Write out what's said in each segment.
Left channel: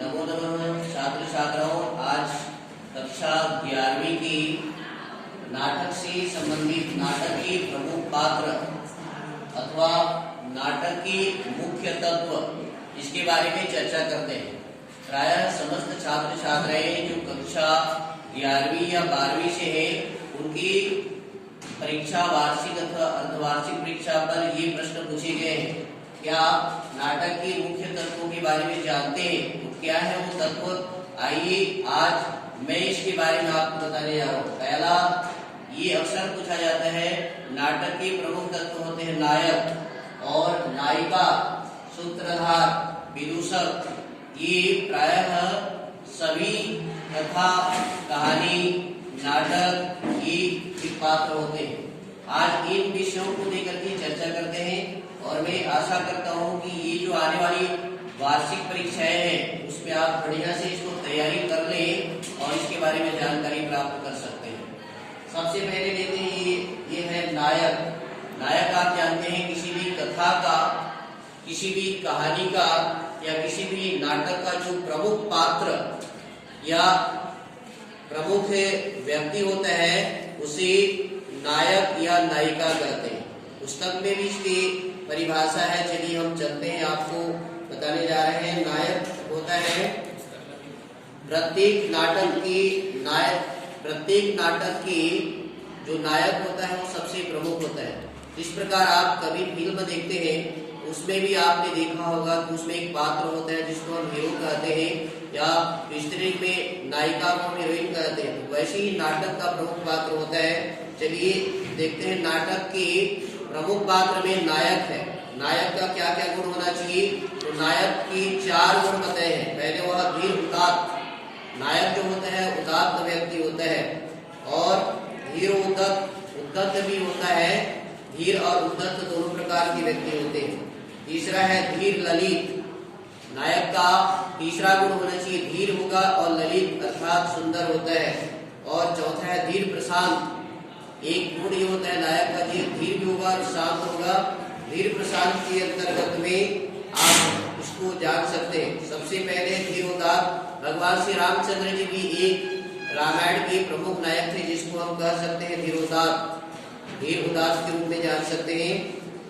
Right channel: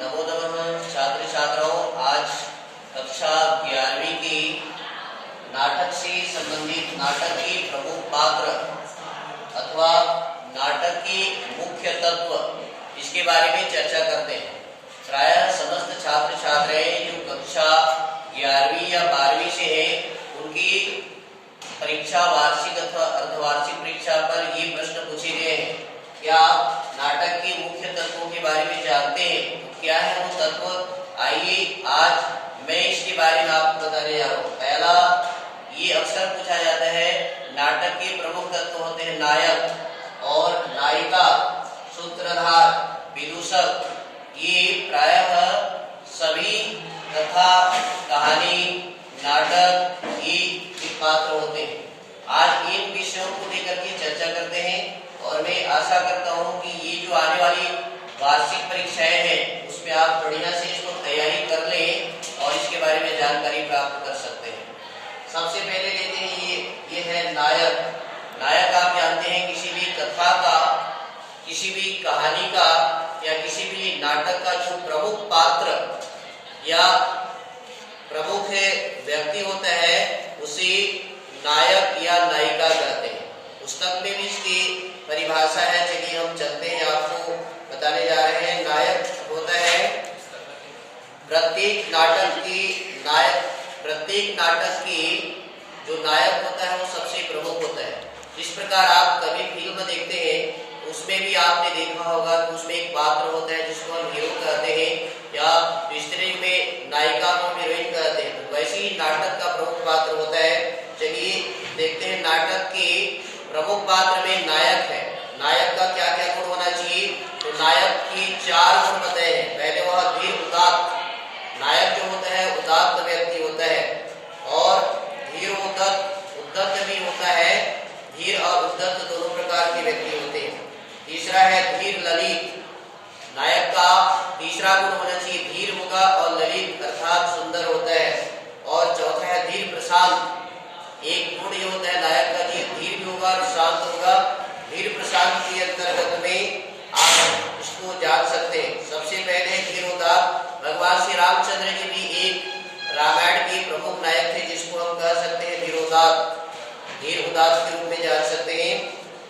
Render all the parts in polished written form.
नमो नमः छात्र छात्राओं, आज कक्षा 11वीं की नाटक से संबंधित नाटक के प्रमुख पात्र अथवा नाटक के मुख्य तत्व इसके बारे में चर्चा करते हैं। प्रायः समस्त छात्र छात्राएं जो कक्षा 11वीं या 12वीं से हैं उनकी परीक्षा वार्षिक अथवा अर्धवार्षिक परीक्षा पर ये प्रश्न पूछे गए हैं। क्या नाटक के मुख्य तत्वों के बारे में जानते हैं? तो क्या है वो तत्व? आइए आज मैं इसके बारे में आपको बताने जा रहा हूँ। पहला, ये अक्सर पूछा जाता है, नाटक के प्रमुख तत्व होते हैं नायक और नायिका, सूत्रधार, विदूषक। ये प्रायः सभी कथा, कहानी, नाटक ये पात्र होते हैं। आज इन विषयों को लेकर के चर्चा करते हैं और मैं आशा करता हूँ कि ये जो आने वाली वार्षिक परीक्षाएं हैं उसमें आप बढ़िया से इसको तैयारी कर लें और इसके बारे में जानकारी प्राप्त कर सकते हैं। सबसे पहले लेते हैं ये है नायक। नायक आप जानते हैं किसी भी कथा का, किसी भी कहानी का या किसी भी नाटक का जो प्रमुख पात्र या प्रमुख व्यक्ति होता है उसे नायक या नायिका कहते हैं। पुस्तक में भी इसकी परिभाषा है। चलिए हम चलते हैं, आपको बताने जा रहे हैं। नायक होता है प्रत्येक नाटक की जो नायक होता है वो सबसे प्रमुख होता है। इस प्रकार आप कभी फिल्म देखते हैं उसमें भी आपने देखा होगा कि उसमें एक पात्र होता है जिसको हम हीरो कहते हैं या स्त्री में नायिका को हीरोइन कहते हैं। तो वैसे ही नाटक का प्रमुख पात्र होता है। चलिए देखते हैं, नाटक के प्रमुख पात्र में नायक है। नायक का क्या क्या गुण होना चाहिए? तो नायक की 4 गुण बताए हैं। पहले वह धीर उदात्त, नायक जो होता है उदात्त व्यक्ति होता है और धीर उद्धत भी होता है। धीर और उद्धत दोनों प्रकार के व्यक्ति होते हैं। तीसरा है धीर ललित। नायक का तीसरा गुण होना चाहिए धीर होगा और ललित अर्थात सुंदर होता है। और चौथा है धीर प्रशांत। एक गुण ये होता है नायक का, धीर भी होगा और शांत होगा। धीर प्रशांत के अंतर्गत में आप इसको जान सकते हैं। सबसे पहले धीर उदात्त, भगवान श्री रामचंद्र जी भी एक रामायण के प्रमुख नायक थे जिसको हम कह सकते हैं धीर उदात्त के रूप में जान सकते हैं।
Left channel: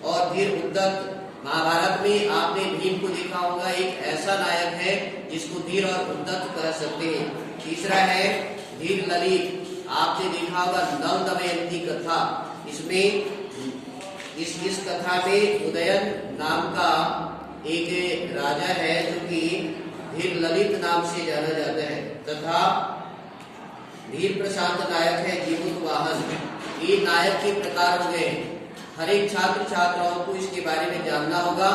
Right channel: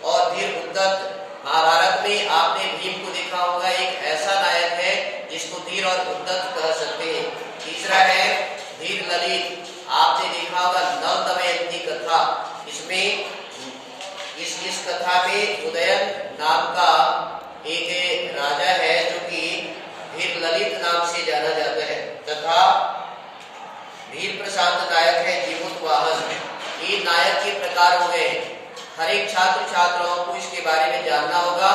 और धीर उद्धत, महाभारत में आपने भीम को देखा होगा, एक ऐसा नायक है जिसको धीर और उद्धत कह सकते हैं। तीसरा है धीर ललित। आपने देखा होगा नल दमयंती कथा, इसमें इस कथा में उदयन नाम का एक राजा है जो कि धीर ललित नाम से जाना जाता है। तथा धीर प्रशांत नायक है जीमूत वाहन। ये नायक के प्रकार हो गए। हर एक छात्र छात्राओं को इसके बारे में जानना होगा।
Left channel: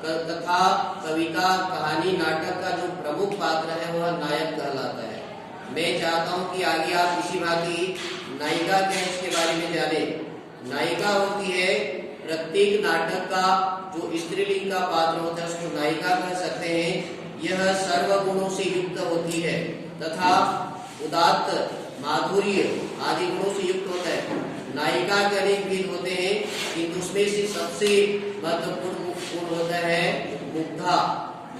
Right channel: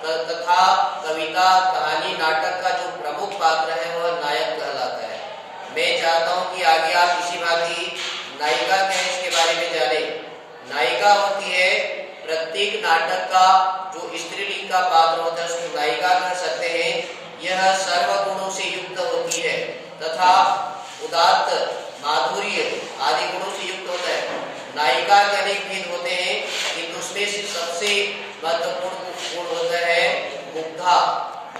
कथा, कविता, कहानी, नाटक का जो प्रमुख पात्र है वह नायक कहलाता है। मैं चाहता हूं कि आगे आप इसी भांति नायिका क्या है इसके बारे में जाने। नायिका होती है प्रत्येक नाटक का जो स्त्रीलिंग का पात्र होता है उसको नायिका कह सकते हैं। यह सर्व गुणों से युक्त होती है तथा उदात्त, माधुर्य आदि गुणों से युक्त होता है। नायिका के अनेक भेद होते हैं किंतु उसमें से सबसे महत्वपूर्ण गुण होता है मुग्धा।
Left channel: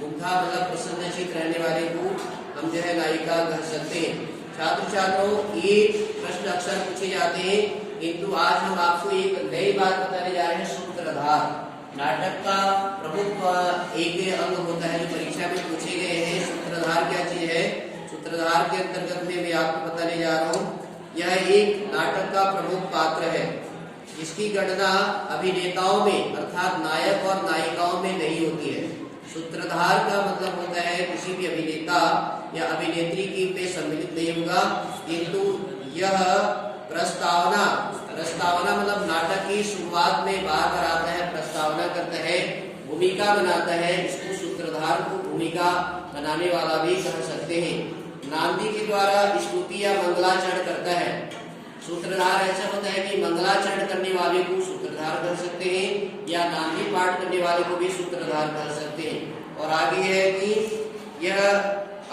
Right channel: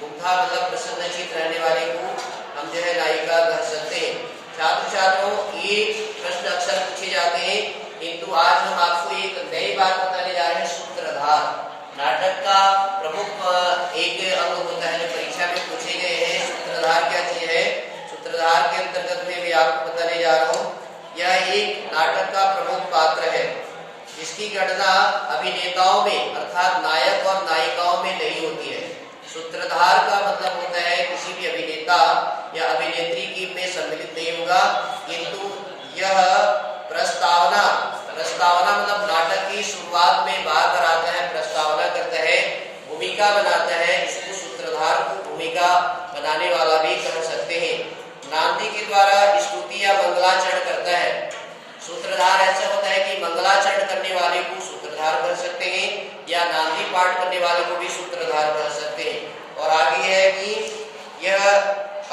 मुग्धा मतलब प्रसन्नचित्त रहने वाले को हम जो है नायिका कह सकते हैं। छात्र छात्राओं, ये प्रश्न अक्सर पूछे जाते हैं किंतु आज हम आपको एक नई बात बताने जा रहे हैं, सूत्रधार। नाटक का प्रमुख एक अंग होता है जो परीक्षा में पूछे गए हैं। सूत्रधार क्या चीज है? सूत्रधार के अंतर्गत में मैं आपको बताने जा रहा हूँ। यह एक नाटक का प्रमुख पात्र है। इसकी गणना अभिनेताओं में अर्थात नायक और नायिकाओं में नहीं होती है। सूत्रधार का मतलब होता है किसी भी अभिनेता या अभिनेत्री की में सम्मिलित नहीं होगा किंतु यह प्रस्तावना मतलब नाटक की शुरुआत में बार आता है, प्रस्तावना करता है, भूमिका बनाता है। इसको सूत्रधार को भूमिका बनाने वाला भी कह सकते हैं। नांदी के द्वारा स्तुति या मंगलाचरण करता है। सूत्रधार ऐसा होता है कि मंगलाचरण करने वाले को सूत्रधार कह सकते हैं या नांदी पाठ करने वाले को भी सूत्रधार कह सकते हैं। और आगे है कि यह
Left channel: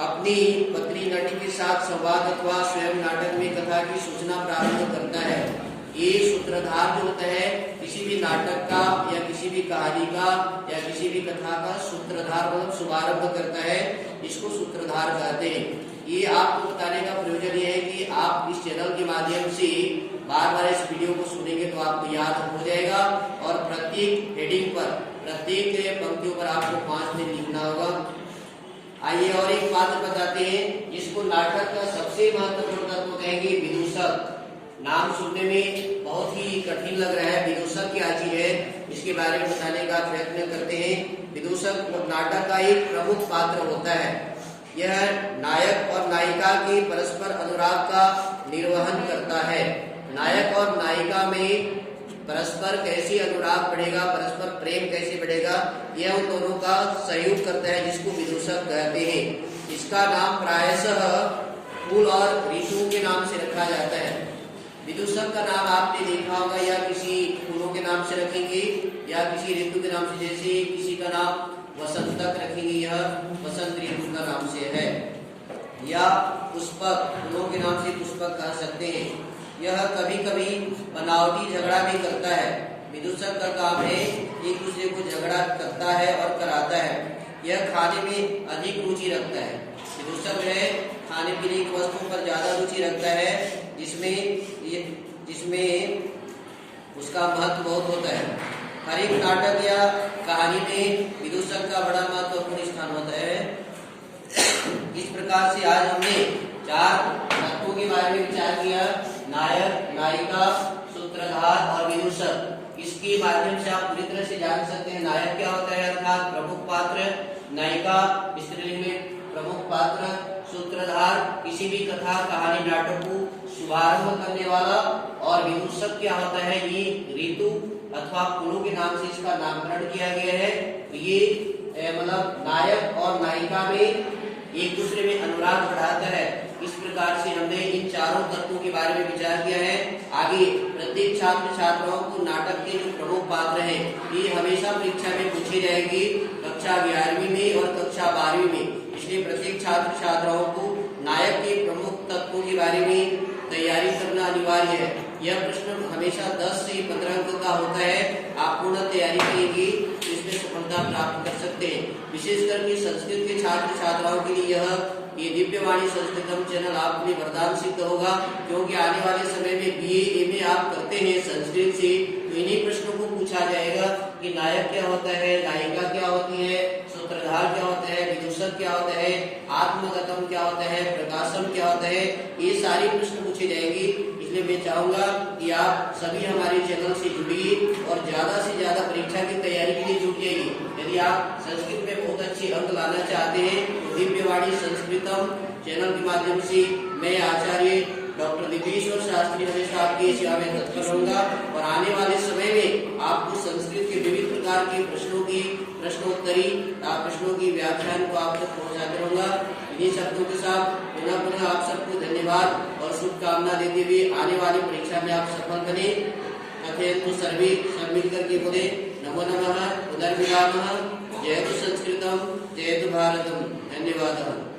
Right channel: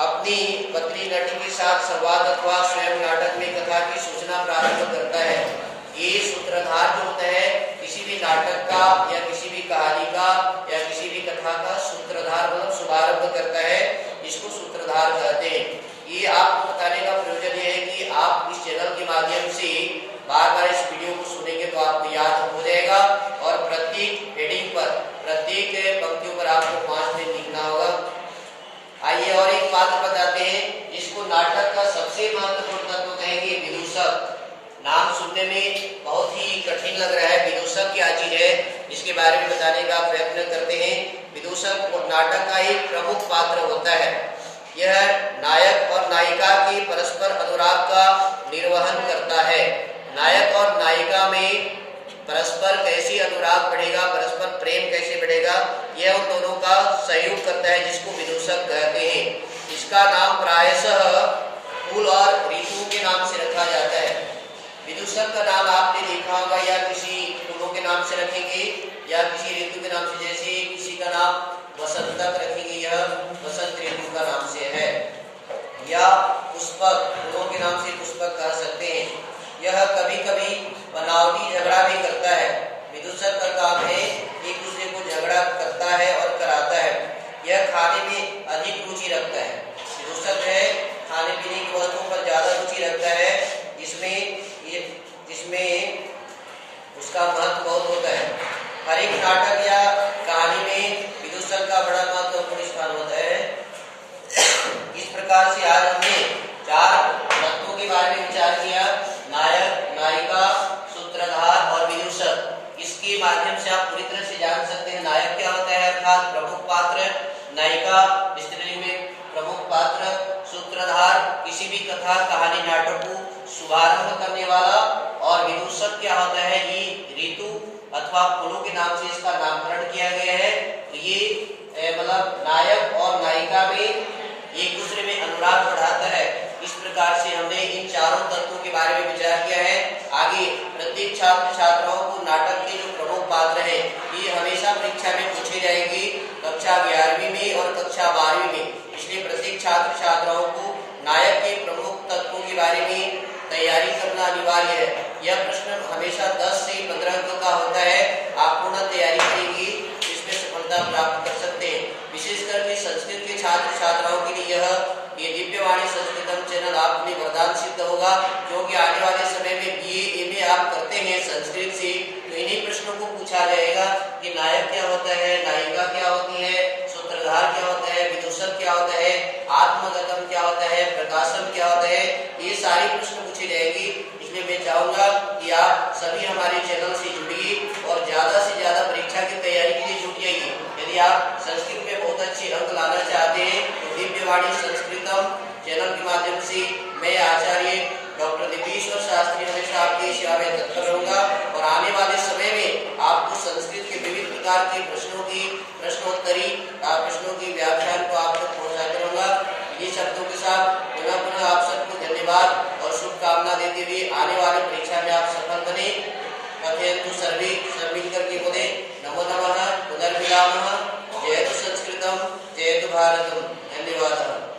अपनी पत्नी नटी के साथ संवाद अथवा स्वयं नाटक में कथा की सूचना प्रारंभ करता है। ये सूत्रधार जो होता है किसी भी नाटक का या किसी भी कहानी का या किसी भी कथा का सूत्रधार मतलब शुभारंभ करता है, इसको सूत्रधार कहते हैं। ये आपको बताने का प्रयोजन ये है कि आप इस चैनल के माध्यम से बार बार इस वीडियो को सुनेंगे तो आपको याद हो जाएगा और प्रत्येक हेडिंग पर प्रत्येक पंक्तियों पर आपको 5 दिन लिखना होगा। आइए और एक बात बताते हैं, इसको नाटक का सबसे महत्वपूर्ण तत्व कहेंगे विदूषक। नाम सुनने में बहुत ही कठिन लग रहा है, विदूषक क्या चीज है इसके बारे में बताने का प्रयत्न करते हैं। विदूषक नाटक का एक प्रमुख पात्र होता है। यह नायक और नायिका के परस्पर अनुराग का निर्वहन करता है। नायक और नायिका में परस्पर कैसे अनुराग बढ़ेगा, परस्पर प्रेम कैसे बढ़ेगा, यह उन दोनों का सहयोग करता है, जिसको विदूषक कहते हैं। इसका नाम प्रायशः फूल और ऋतु के नाम से रखा जाता है। विदूषक का नाम आपने देखा होगा या किसी फूलों के नाम से रखेंगे या किसी ऋतु के नाम से, जैसे किसी का नाम वसंतक रखेंगे, यह वसंत ऋतु का नाम से है, या पुष्पक, फूलों के नाम से पुष्पक कह सकते हैं। यह कभी कभी बनावटी झगड़ा भी करता है। विदूषक का काम है एक दूसरे को झगड़ा करता है और कराता है। यह खाने में अधिक रुचि रखता है। विदूषक है खाने पीने की वस्तुओं पर ज्यादा रुचि रखता है, जिसमें उसका महत्व बहुत होता है। हर एक नाटक या कहानी में विदूषक का बड़ा महत्वपूर्ण स्थान होता है। इस प्रकार से आज हमने 4 तत्वों के बारे में विचार किया, नायक, नायिका, सूत्रधार और विदूषक। इसके माध्यम से आप पूरी तरह से जान सकते हैं नायक क्या होता है अर्थात प्रमुख पात्र, नायिका स्त्रीलिंग में प्रमुख पात्र, सूत्रधार किसी भी कथा कहानी नाटक को शुभारंभ करने वाला, और विदूषक क्या होता है ये ऋतु अथवा फूलों के नाम से इसका नामकरण किया गया है। तो ये मतलब नायक और नायिका में एक दूसरे में अनुराग बढ़ाता है। इस प्रकार से हमने इन 4 तत्वों के बारे में विचार किया है। आगे प्रत्येक छात्र छात्राओं को नाटक के जो प्रमुख पात्र हैं ये हमेशा परीक्षा में पूछे जाएंगे, कक्षा 11वीं में और कक्षा 12वीं में। इसलिए प्रत्येक छात्र छात्राओं को नायक के प्रमुख तत्वों के बारे में तैयारी करना अनिवार्य है। यह प्रश्न हमेशा 10 से 15 अंक का होता है। आप पूर्ण तैयारी करेंगे तो इसमें सफलता प्राप्त कर सकते हैं। विशेष करके संस्कृत के छात्र छात्राओं के लिए ये दिव्यवाणी संस्कृतम चैनल आप में वरदान सिद्ध होगा, क्योंकि आने वाले समय में BA MA आप करते हैं संस्कृत से, तो इन्हीं प्रश्नों को पूछा जाएगा कि नायक क्या होता है, नायिका क्या होती है, सूत्रधार क्या होता है, विदूषक क्या होता है, आत्मगतम क्या होता है, प्रकाशम क्या होता है, ये सारे प्रश्न पूछे जाएंगे। इसलिए मैं चाहूंगा कि आप सभी हमारे चैनल से जुड़िए और ज्यादा से ज्यादा परीक्षा की तैयारी के लिए जुट जाइए। यदि आप संस्कृत में बहुत अच्छे अंक लाना चाहते हैं तो दिव्यवाणी संस्कृतम चैनल के माध्यम से मैं आचार्य डॉक्टर दिव्येश्वर शास्त्री हमेशा आपकी सेवा में तत्पर रहूंगा और आने वाले समय में आपको संस्कृत के विविध प्रकार के प्रश्नों की प्रश्नोत्तरी प्रश्नों की व्याख्यान को आप तक पहुंचाते रहूंगा। इन्हीं शब्दों के साथ पुनः आप सबको धन्यवाद और शुभकामना देते हुए आने वाले परीक्षा में आप सफल बने। कथयन्तु सर्वे, सब मिलकर के बोले नमो नमः, पुनर्मिलामः, जयतु संस्कृतम, जयतु भारतम। धन्यवाद।